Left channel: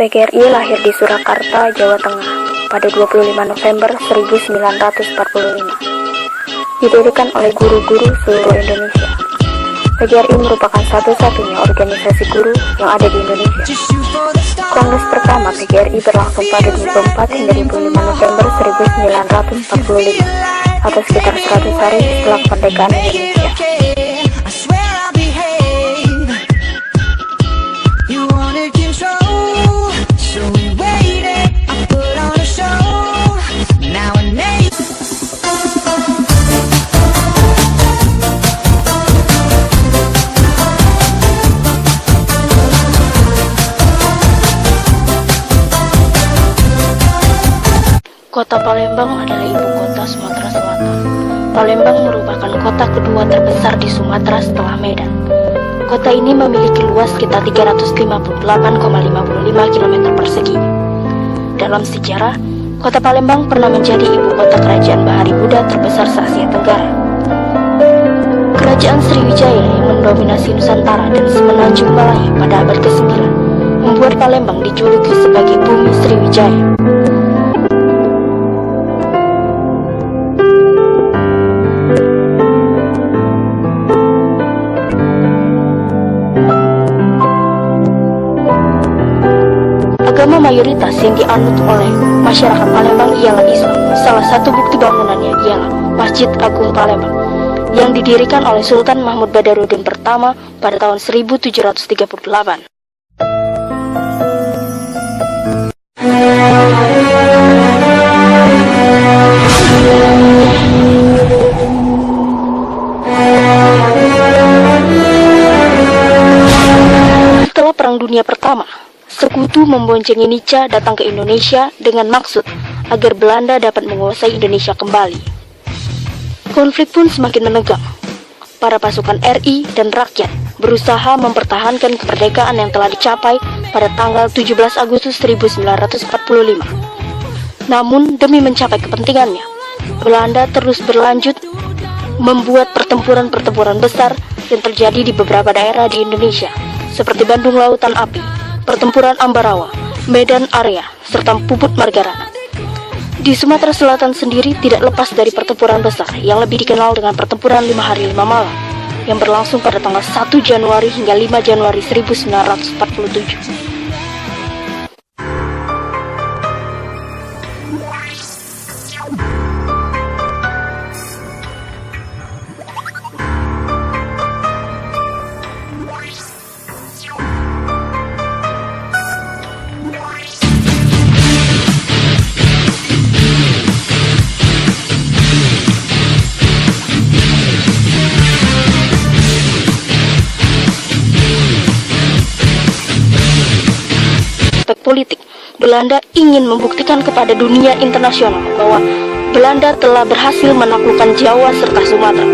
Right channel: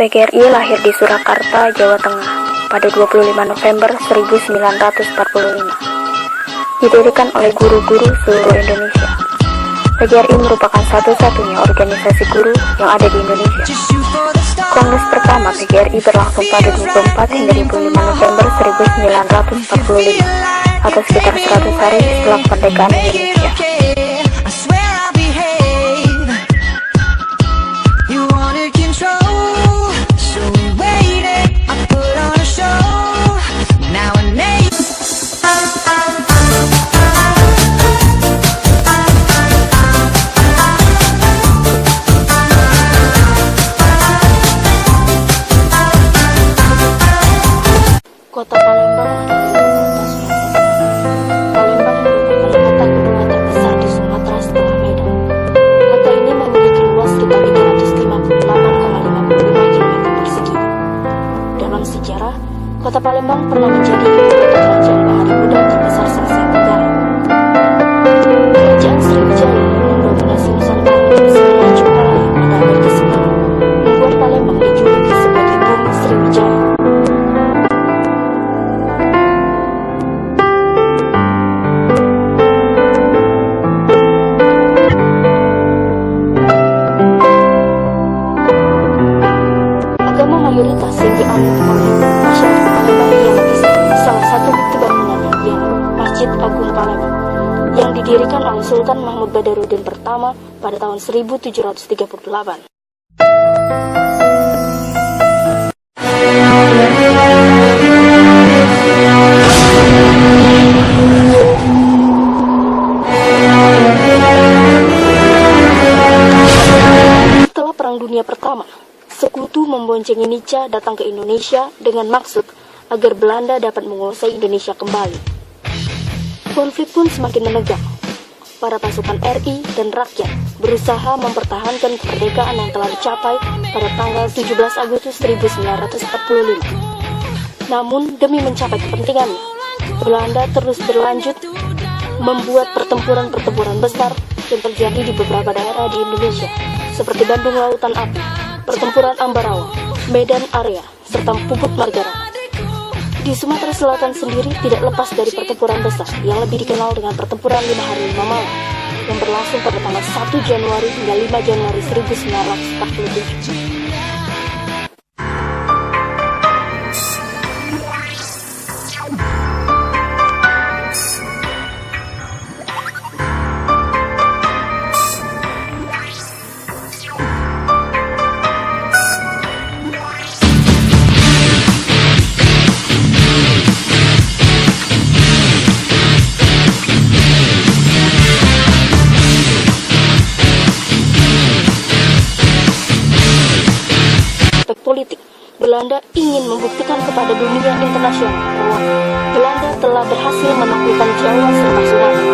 PGRI lahir di Surakarta, Jawa Tengah pada 25 November 1945. Didirikan oleh guru-guru seluruh Indonesia. PGRI merupakan satu-satunya organisasi guru yang ada di Indonesia. Kongres pertama PGRI berlangsung pada 24 hingga 25 November 1945 atau sekitar 100 hari setelah kemerdekaan Indonesia. Kota Palembang adalah ibu kota Sumatera Selatan. Palembang merupakan kota kedua terbesar di Sumatera setelah Medan. Kota ini memiliki luas sekitar 358,55 km persegi. Dalam sejarah, kota Palembang pernah menjadi ibu kota kerajaan Bahari Buddha terbesar se-Asia Tenggara. Kerajaan Sriwijaya yang mendominasi Nusantara dan semenanjung Malaya pada abad ke-9 membuat Palembang dijuluki sebagai Bumi Sriwijaya. Mayoritas yang dianut oleh masyarakat Palembang ialah Islam. Salah satu bukti bangunannya ialah Masjid Agung Palembang yang didirikan oleh Sultan Mahmud Badarudin pertama pada tahun 1738. Setelah Perang Dunia Pertama, Sekutu memboncengi Nica datang ke Indonesia dengan maksud agar Belanda dapat menguasai Indonesia kembali. Konflik pun semakin menegang. Para pasukan RI dan rakyat berusaha mempertahankan kemerdekaan yang telah dicapai pada tanggal 17 Agustus 1945. Namun demi mencapai kepentingannya, Belanda terus berlanjut membuat pertempuran-pertempuran besar yang terjadi di beberapa daerah di Indonesia, seperti Bandung Lautan Api, Pertempuran Ambarawa, Medan Area, serta Puput Margarana. Di Sumatera Selatan sendiri tidak lepas dari pertempuran besar yang lebih dikenal dengan Pertempuran 5 Hari 5 Malam yang berlangsung pada tanggal 1 Januari hingga 5 Januari 1947. Politik, Belanda ingin membuktikan kepada dunia internasional bahwa Belanda telah berhasil menaklukkan Jawa serta Sumatera.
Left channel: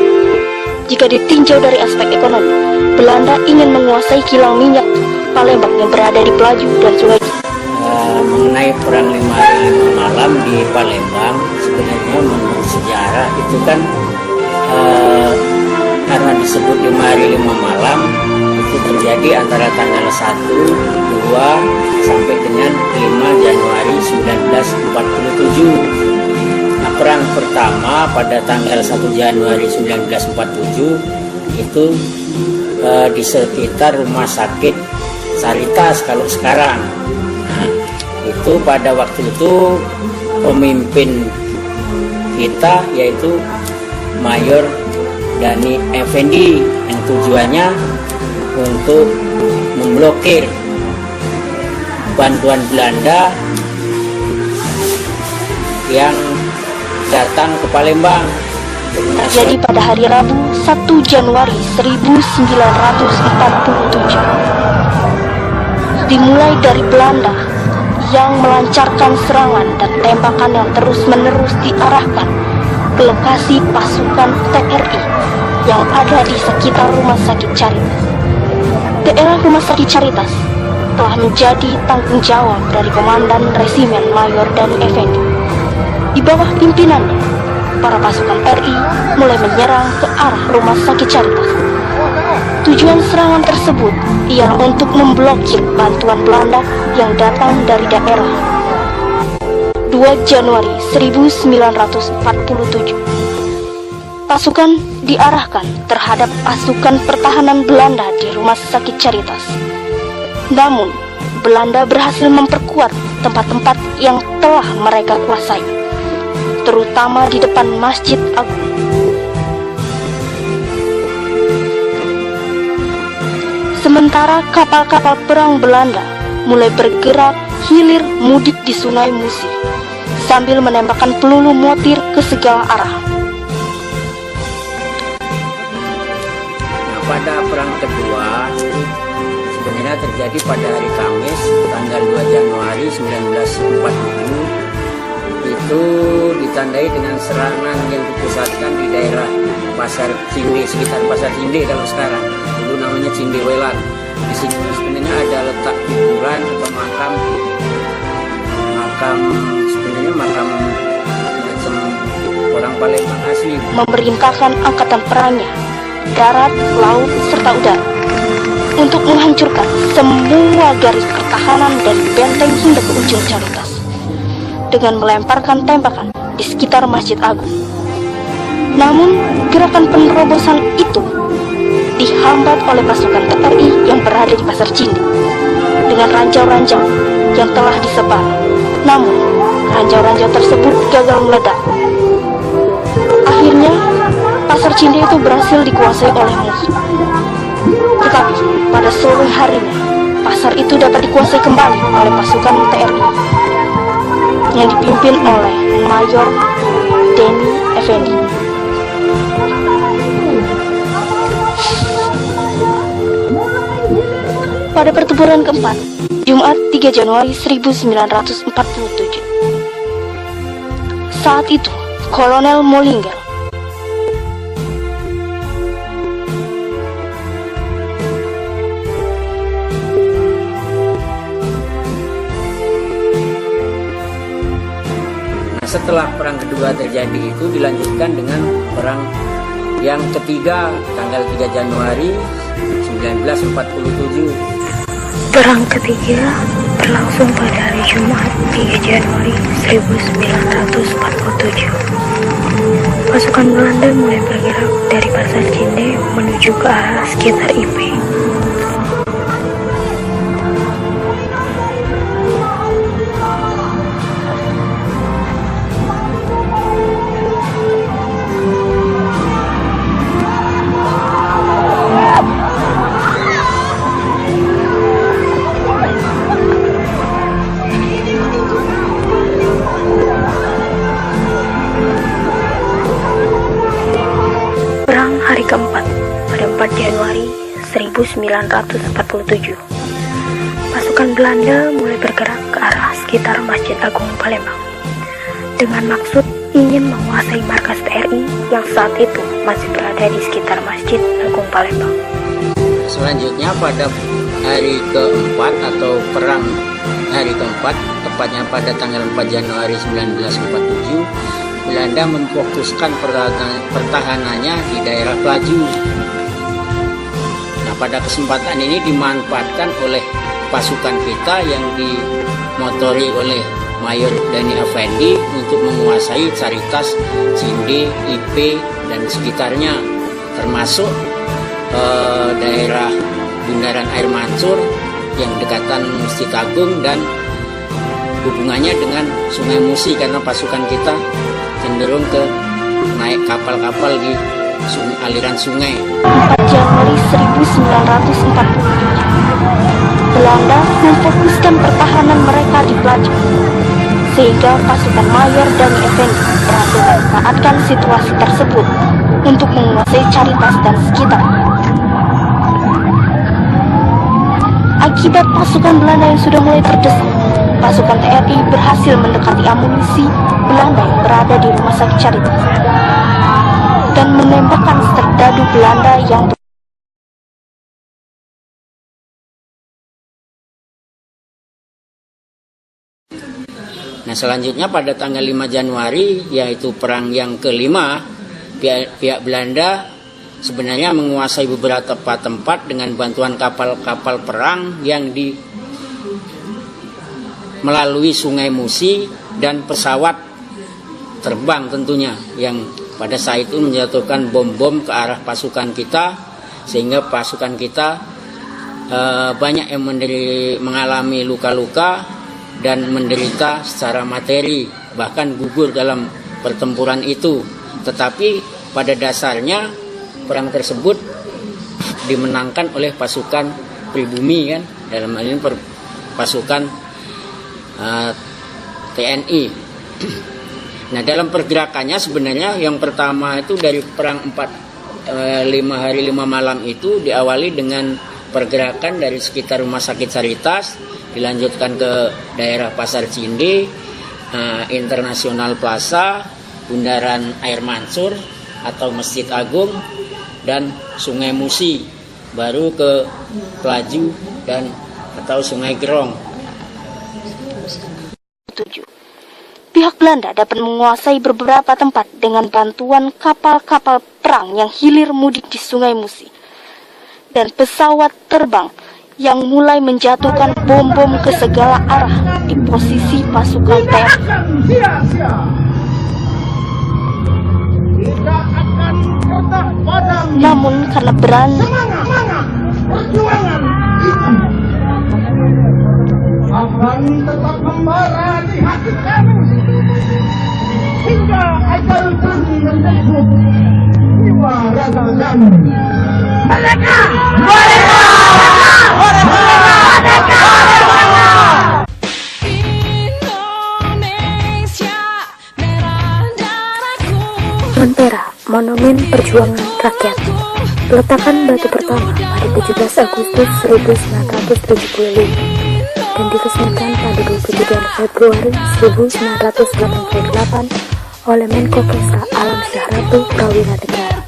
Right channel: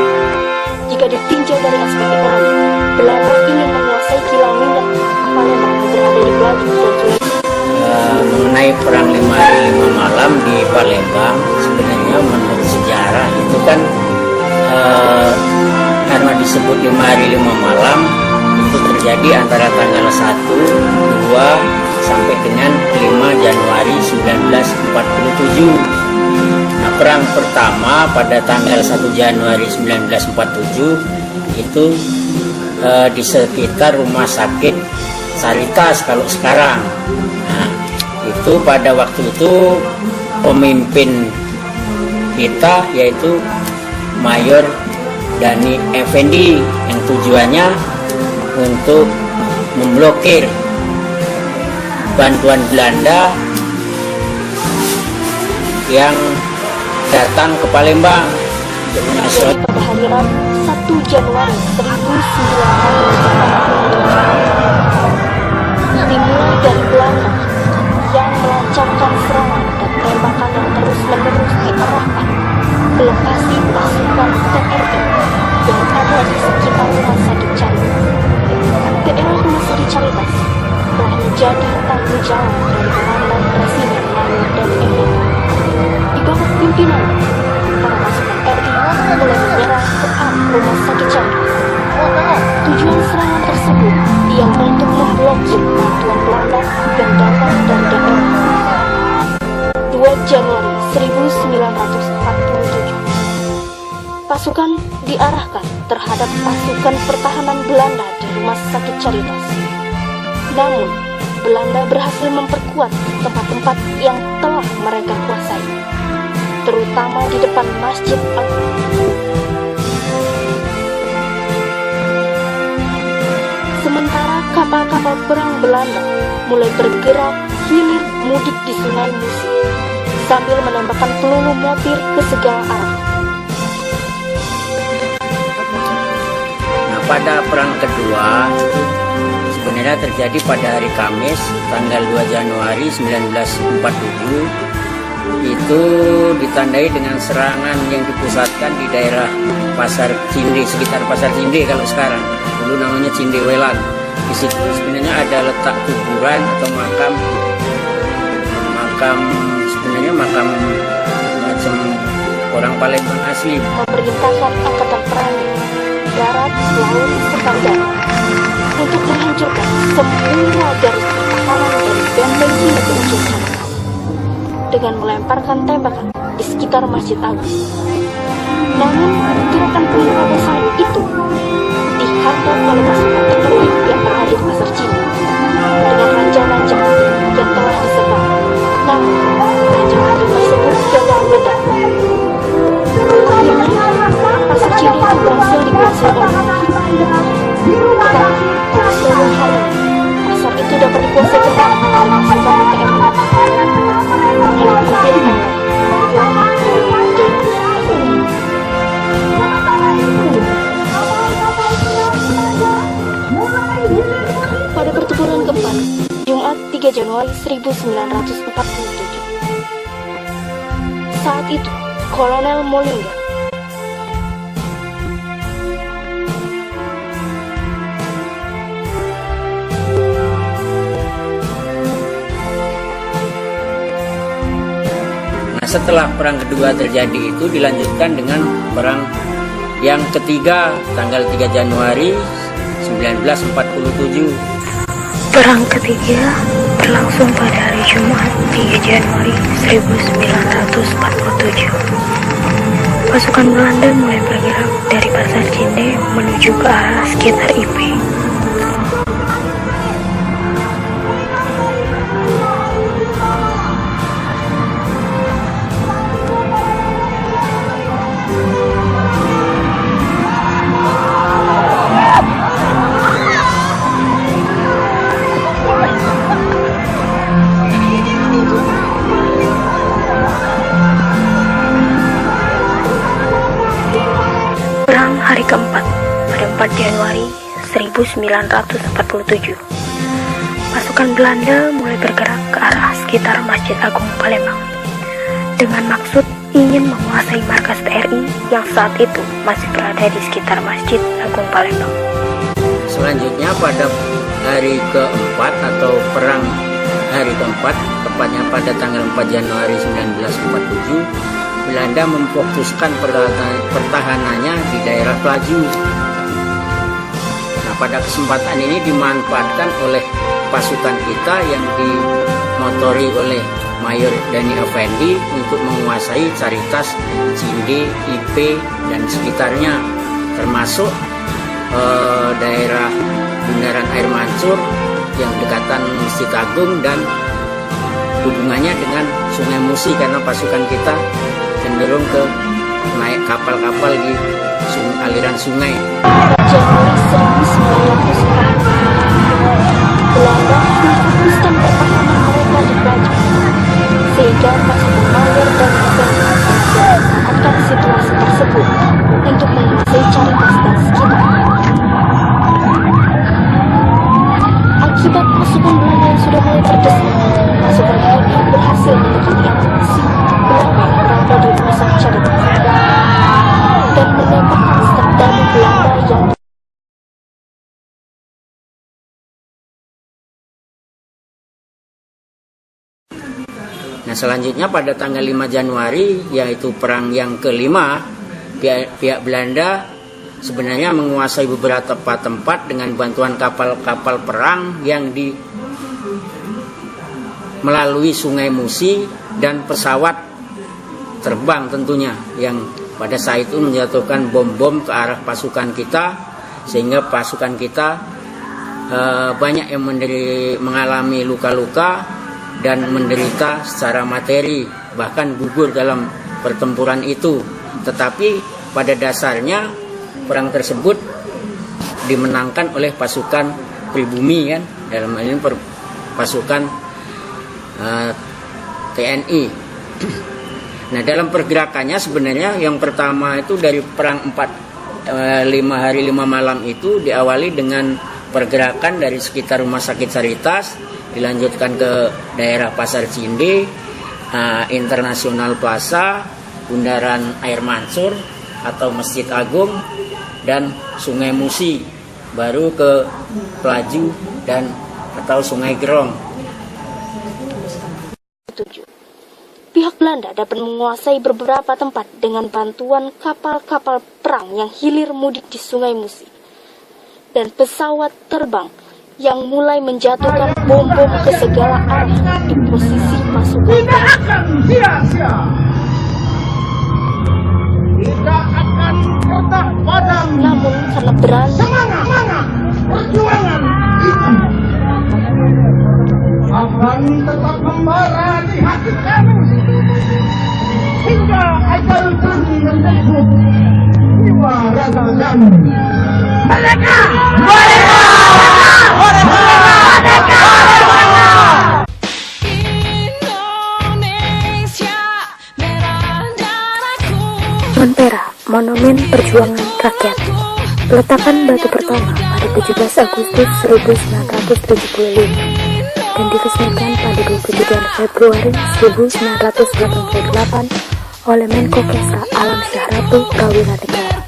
Jika ditinjau dari aspek ekonomi, Belanda ingin menguasai kilang minyak Palembang yang berada di Pelaju dan Sulawesi. Mengenai perang 5 hari 5 malam di Palembang, sebenarnya menurut sejarah itu kan karena disebut 5 hari 5 malam itu terjadi antara tanggal 1, 2 sampai dengan 5 Januari 1947. Nah, perang pertama pada tanggal 1 Januari 1947 itu di sekitar rumah sakit Saritas kalau sekarang. Nah, itu pada waktu itu pemimpin kita yaitu Mayor Dani Effendi yang tujuannya untuk memblokir bantuan Belanda yang datang ke Palembang. Jadi pada hari Rabu 1 Januari 1947 dimulai dari Belanda yang melancarkan serangan dan tembakan yang terus-menerus diarahkan ke lokasi pasukan TNI yang ada di sekitar Rumah Sakit Caritas. Daerah Rumah Sakit Caritas telah menjadi tanggung jawab dari Komandan Resimen Mayor Dani Effendi. Di bawah pimpinannya, para pasukan RI mulai menyerang ke arah Rumah Sakit Caritas. Tujuan serangan tersebut ialah untuk memblokir bantuan Belanda yang datang 1947. Pasukan diarahkan terhadap pasukan pertahanan Belanda di Rumah Sakit Caritas. Namun, Belanda berhasil memperkuat tempat-tempat yang telah mereka kuasai, terutama di depan Masjid Agung. Sementara kapal-kapal perang Belanda mulai bergerak hilir mudik di Sungai Musi sambil menembakkan peluru mortir ke segala arah. Nah, pada perang kedua itu sebenarnya terjadi pada hari Kamis tanggal 2 Januari 1947. Itu ditandai dengan serangan yang dipusatkan di daerah Pasar Cinde, sekitar Pasar Cinde kalau sekarang. Dulu namanya Cindewelan. Di situ sebenarnya ada letak kuburan atau makam macam orang Palembang asli. Memerintahkan angkatan perangnya, darat, laut, serta udara untuk menghancurkan semua garis pertahanan dan benteng hingga ke ujung Caritas dengan melemparkan tembakan di sekitar Masjid Agung. Namun, gerakan penerobosan itu dihambat oleh pasukan tetapi yang berada di Pasar Cinde dengan ranjau-ranjau yang telah disebar. Namun, ranjau-ranjau tersebut gagal meledak. Akhirnya, Pasar Cinde itu berhasil dikuasai oleh musuh. Tetapi, pada sore hari, pasar itu dapat dikuasai kembali oleh pasukan TNI yang dipimpin oleh Mayor Denny Effendi. Pada pertempuran keempat, Jumat 3 Januari 1947. Saat itu, Kolonel Mollinger Setelah perang kedua terjadi itu dilanjutkan dengan perang yang ketiga tanggal 3 Januari 1947. Perang ketiga berlangsung pada hari Jumat 3 Januari 1947. Pasukan Belanda mulai bergerak dari Pasar Cinde menuju ke arah sekitar IP. Hari keempat, pada 4 Januari 1947, pasukan Belanda mulai bergerak ke arah sekitar Masjid Agung Palembang dengan maksud ingin menguasai markas TNI yang saat itu masih berada di sekitar Masjid Agung Palembang. Selanjutnya pada hari keempat atau perang hari keempat, tepatnya pada tanggal 4 Januari 1947, Belanda memfokuskan pertahanannya di daerah Pelaju. Nah, pada kesempatan ini dimanfaatkan oleh pasukan kita yang dimotori oleh Mayor Denny Effendi untuk menguasai Caritas, Cinde, IP, dan sekitarnya, termasuk daerah Bundaran Air Mancur yang dekatan Masjid Agung dan hubungannya dengan Sungai Musi karena pasukan kita cenderung ke naik kapal-kapal di aliran sungai. Januari 1947, Belanda memfokuskan pertahanan mereka di Pelaju, sehingga pasukan Mayor dan Effendi memanfaatkan situasi tersebut untuk menguasai Caritas dan sekitarnya. Akibat pasukan Belanda yang sudah mulai berdesak, pasukan TNI berhasil mendekati amunisi Belanda yang berada di Rumah Sakit Caritas dan menembakkan serdadu Belanda yang Nah, selanjutnya pada tanggal 5 Januari, yaitu perang yang kelima, pihak Belanda sebenarnya menguasai beberapa tempat dengan bantuan kapal-kapal perang yang melalui Sungai Musi dan pesawat terbang tentunya, yang pada saat itu menjatuhkan bom-bom ke arah pasukan kita, sehingga pasukan kita banyak yang mengalami luka-luka dan menderita secara materi, bahkan gugur dalam pertempuran itu. Tetapi pada dasarnya perang tersebut dimenangkan oleh pasukan pribumi, kan, dalam hal ini pasukan TNI. Nah, dalam pergerakannya sebenarnya yang pertama itu dari perang 5 hari 5 malam itu diawali dengan pergerakan dari sekitar Rumah Sakit Saritas, dilanjutkan ke daerah Pasar Cinde, Internasional Plaza, Bundaran Air Mansur atau Masjid Agung, dan Sungai Musi, baru ke Pelaju dan atau Sungai Gerong. Pihak Belanda dapat menguasai beberapa tempat dengan bantuan kapal-kapal perang yang hilir mudik di Sungai Musi dan pesawat terbang yang mulai menjatuhkan bom-bom ke segala arah di posisi pasukan TNI. Tidak akan pernah padam. Namun karena berani Semangat perjuangan akan tetap membara di hati kami hingga ajal kami menjemput jiwa raga kami. Merdeka! Merdeka! Merdeka! Montera, Monumen Perjuangan Rakyat. Peletakan batu pertama pada 17 Agustus 1975 dan diresmikan pada 23 Februari 1988 oleh Menko Kesra Alam Syahratu Prawira Negara.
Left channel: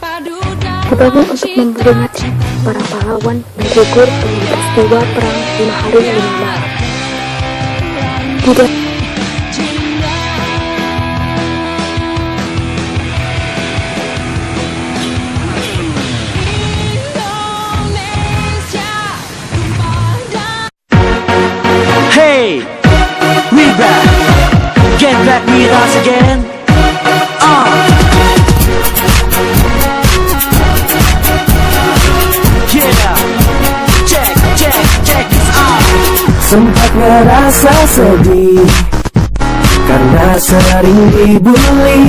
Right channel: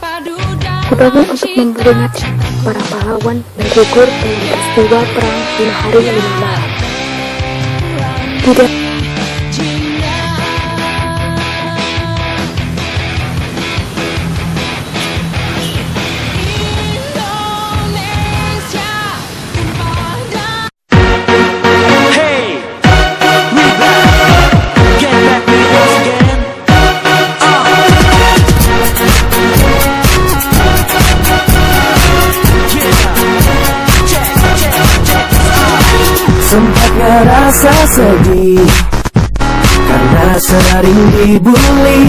Dibangun untuk memperingati para pahlawan yang gugur dalam peristiwa perang 5 hari 5 malam. Tidak Hey, we back. Get back with us again. Yeah. Check this out. Sempat ngerasa sedih karena sering dibully,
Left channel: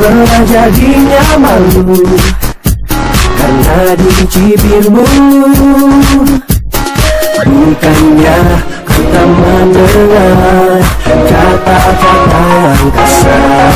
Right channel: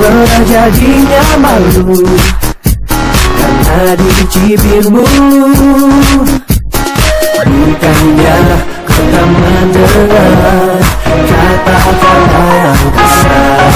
pernah jadinya malu karena dicibir mulu. Bukannya kau tak mendengar kata-kata yang kasar,